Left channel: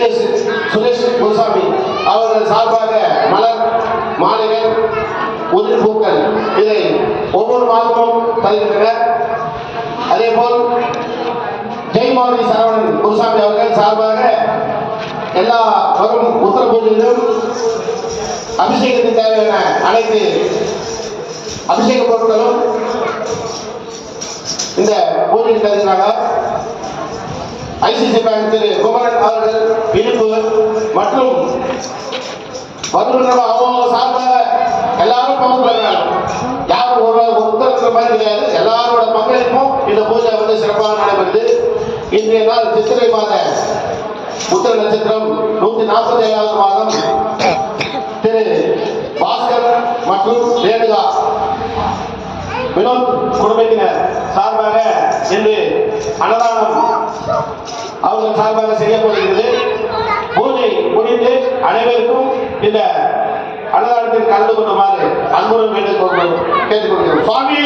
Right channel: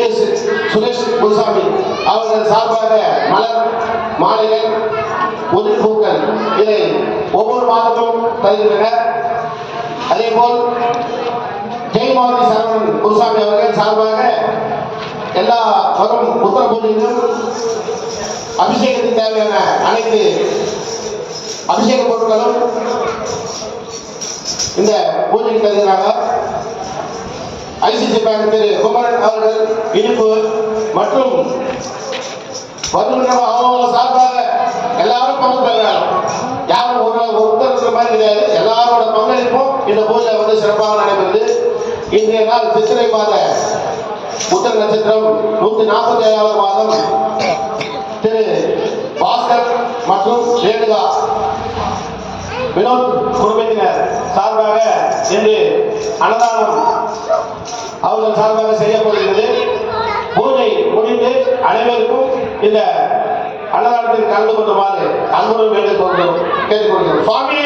S Suresh Gurusamy அவர்கள் சார்பாக மலர் மாலைகள் உதிர் பூக்கள் இதை ஒவ்வொரு மாதமும் தருகின்றனர் அதேபோல் ஜெயமாதி சரவணன் குருசாமி அவர்கள் சார்பாக எல்லா வரும் உத்தர பூஜையிலும் அபிஷேகத்துக்கு தேவையான அனைத்து அபிஷேக பொருட்களும் இந்த பூஜைக்கு தருகிறாங்க ஐசிசி பேங்க் திரு குமரன் அவர்கள் இனிப்பு மற்றும் வருகின்ற அவங்க சார்பாக எல்லாரும் பங்கு பெறுறாங்க யாரும் ஒரு ஒருத்தர் மாதிரி கிடையாது. எல்லாரோட பங்களிப்பும் இந்த பூஜை வந்து சிறப்பாக நடைபெறுது. இன்றைய நாள் சித்திரை மாத உத்தர நட்சத்திரம் நூத்தி நாற்பத்தி ஏழாவது மாதம் திரு பாஸ்கர் மற்றும் ரேணுகா வினோத் குடும்பத்தினர் சார்பாக இன்று அன்னதானம் அவர்கள் சார்பாக செய்யப்படுகிறது. பூஜை முடிந்து அனைவருக்கும் இந்த அன்னதானத்தில் கலந்து கொள்ளுமாறு அன்புடன் வேண்டிக் கொண்டு கேட்டுக்கொள்கிறோம். சுவாமி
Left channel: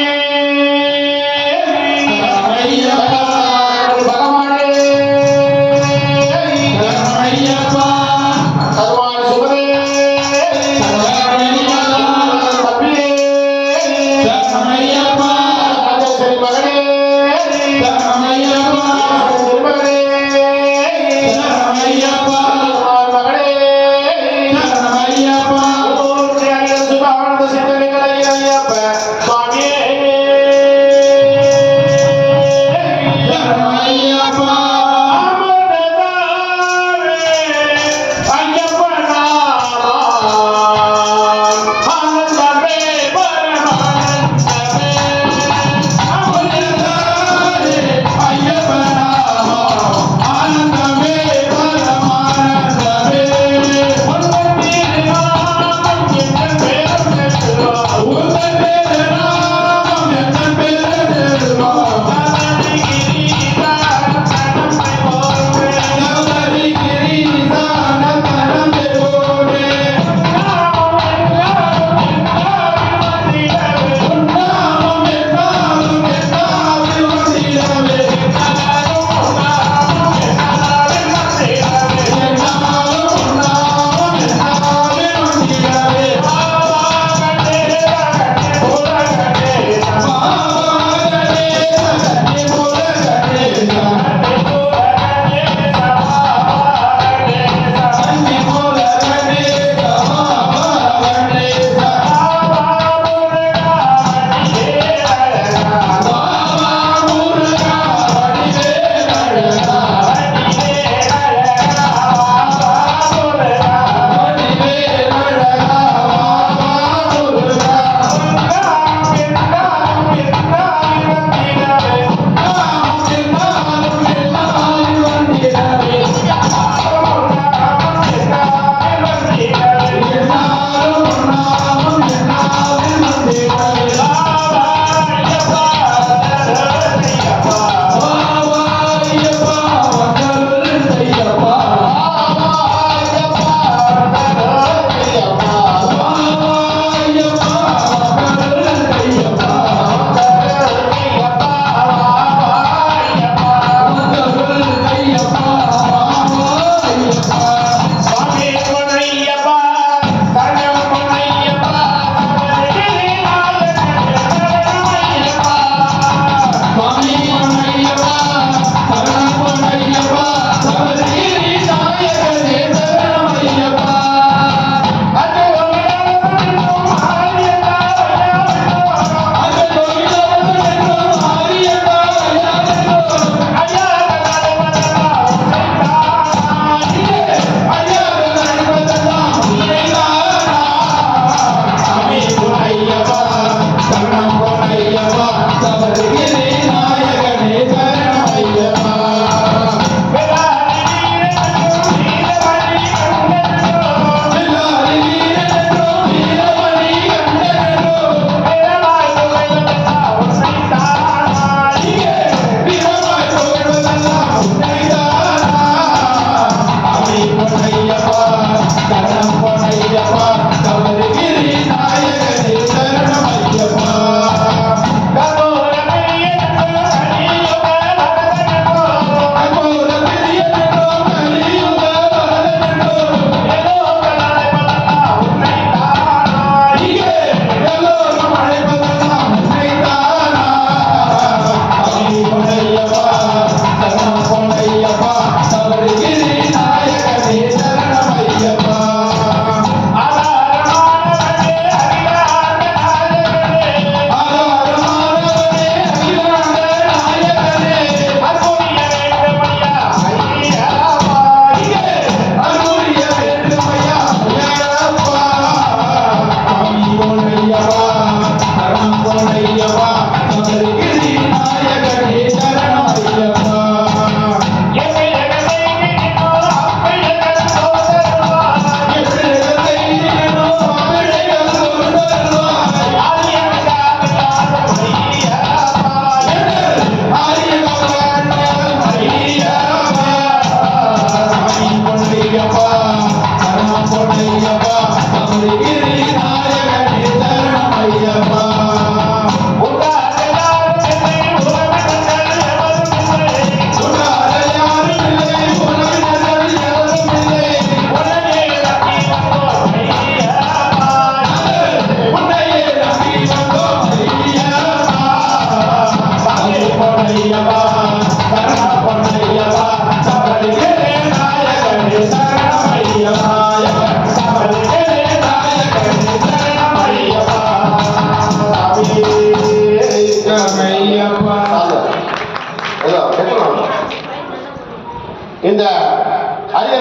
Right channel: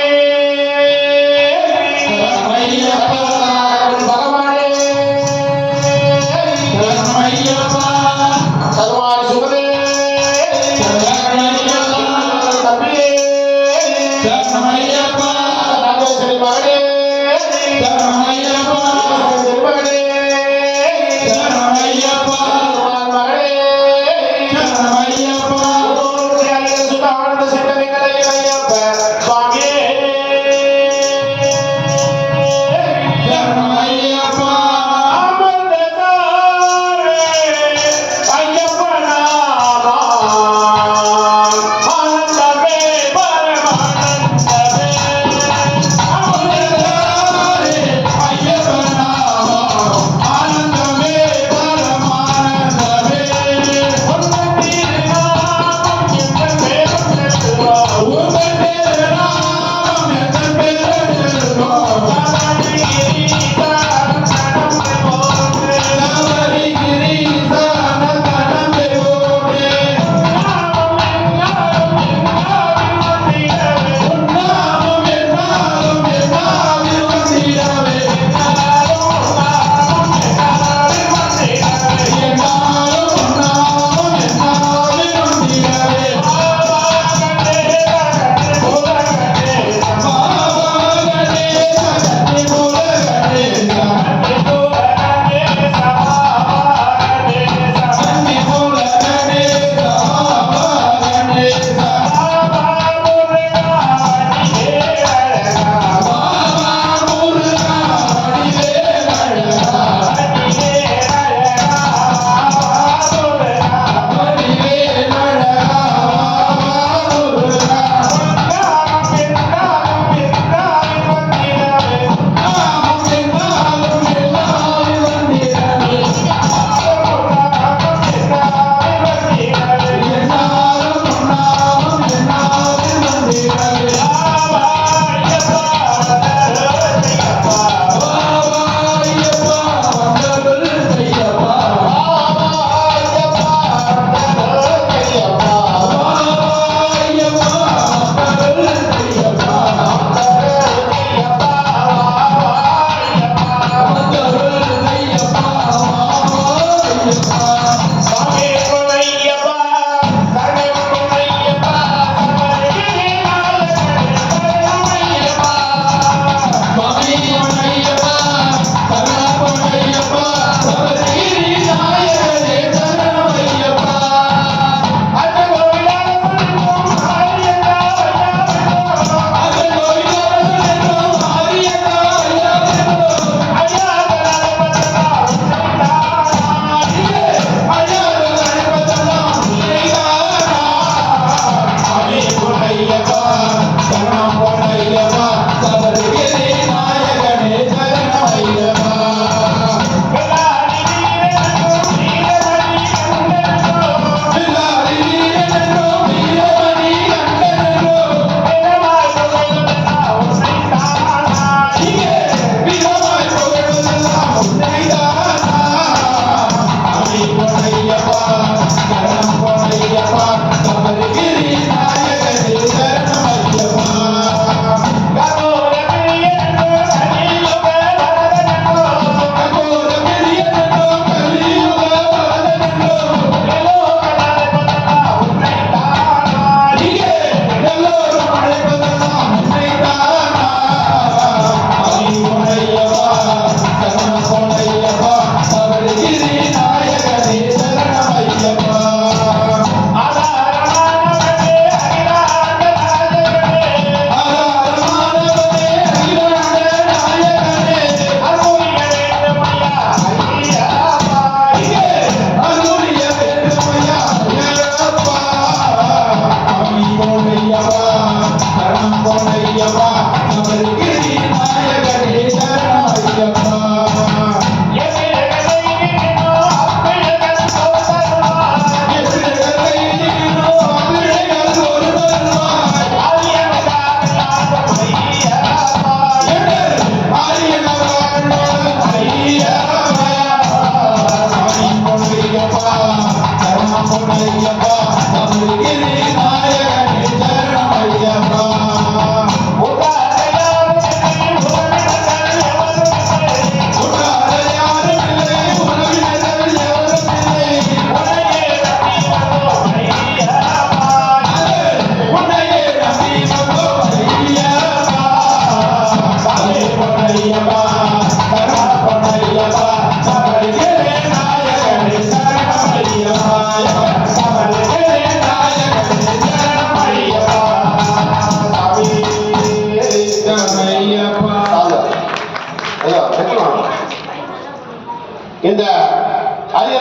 இந்த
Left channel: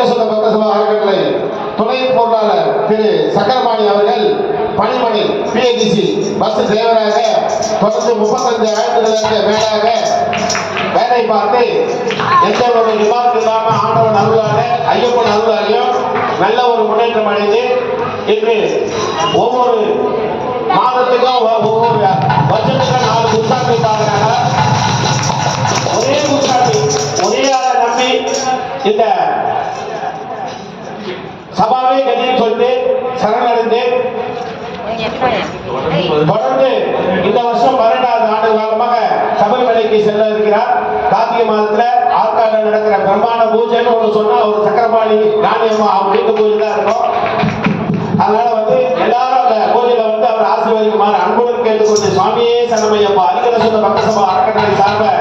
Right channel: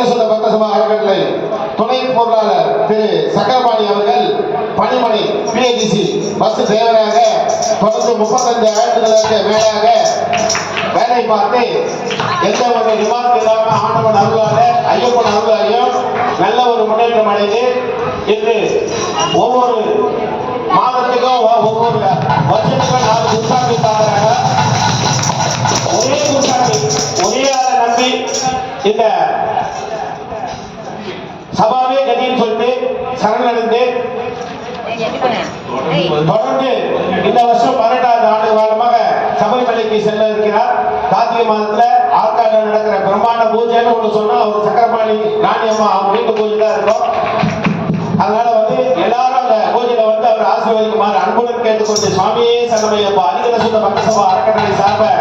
சுத்த பக்த சபா அறக்கட்டளை துணை பொருளாளர் திரு சக்கரபாணி அவர்கள் பணிமணி பிஏடிசி பஸ் டிரைவராக தொடர்ந்து முப்பத்தஞ்சு ஆயிரத்துகளுக்கு மேலாக வேலை பார்த்து எந்த ஒரு விவாதம் இல்லாமல் ஆண்டவன் அருளாக ஐயப்பன் அருளாலையும் நல்ல ஒரு முன்னேற்றம் அடைந்து இன்று ஒவ்வொரு மாதத்துக்கும் ஒவ்வொரு வருஷத்துக்கும் நாலு புத்தாண்டு பார்க்குறாங்க ஒரே சபரிமலைக்கு செல்ல இருக்கிறார். கார்த்திகை மாதத்துல ஆற்காடு நடக்கிற பிரம்மாண்ட பூஜைன்னு ஒண்ணு சொன்னா ஒரு சக்கரபாணி நாணயமா அவங்க வீட்டு பூஜை தான் இருக்கும். அதனால வந்து எல்லாரும் அந்த பூஜையில வந்து அவர் ஆசீர்வதிக்குமாறு அன்புடன் கேட்டுக்கொண்டு சுவாமியே சரணமையப்பா. அதிகர சுத்த பக்த சபா அறக்கட்டளை சார்பை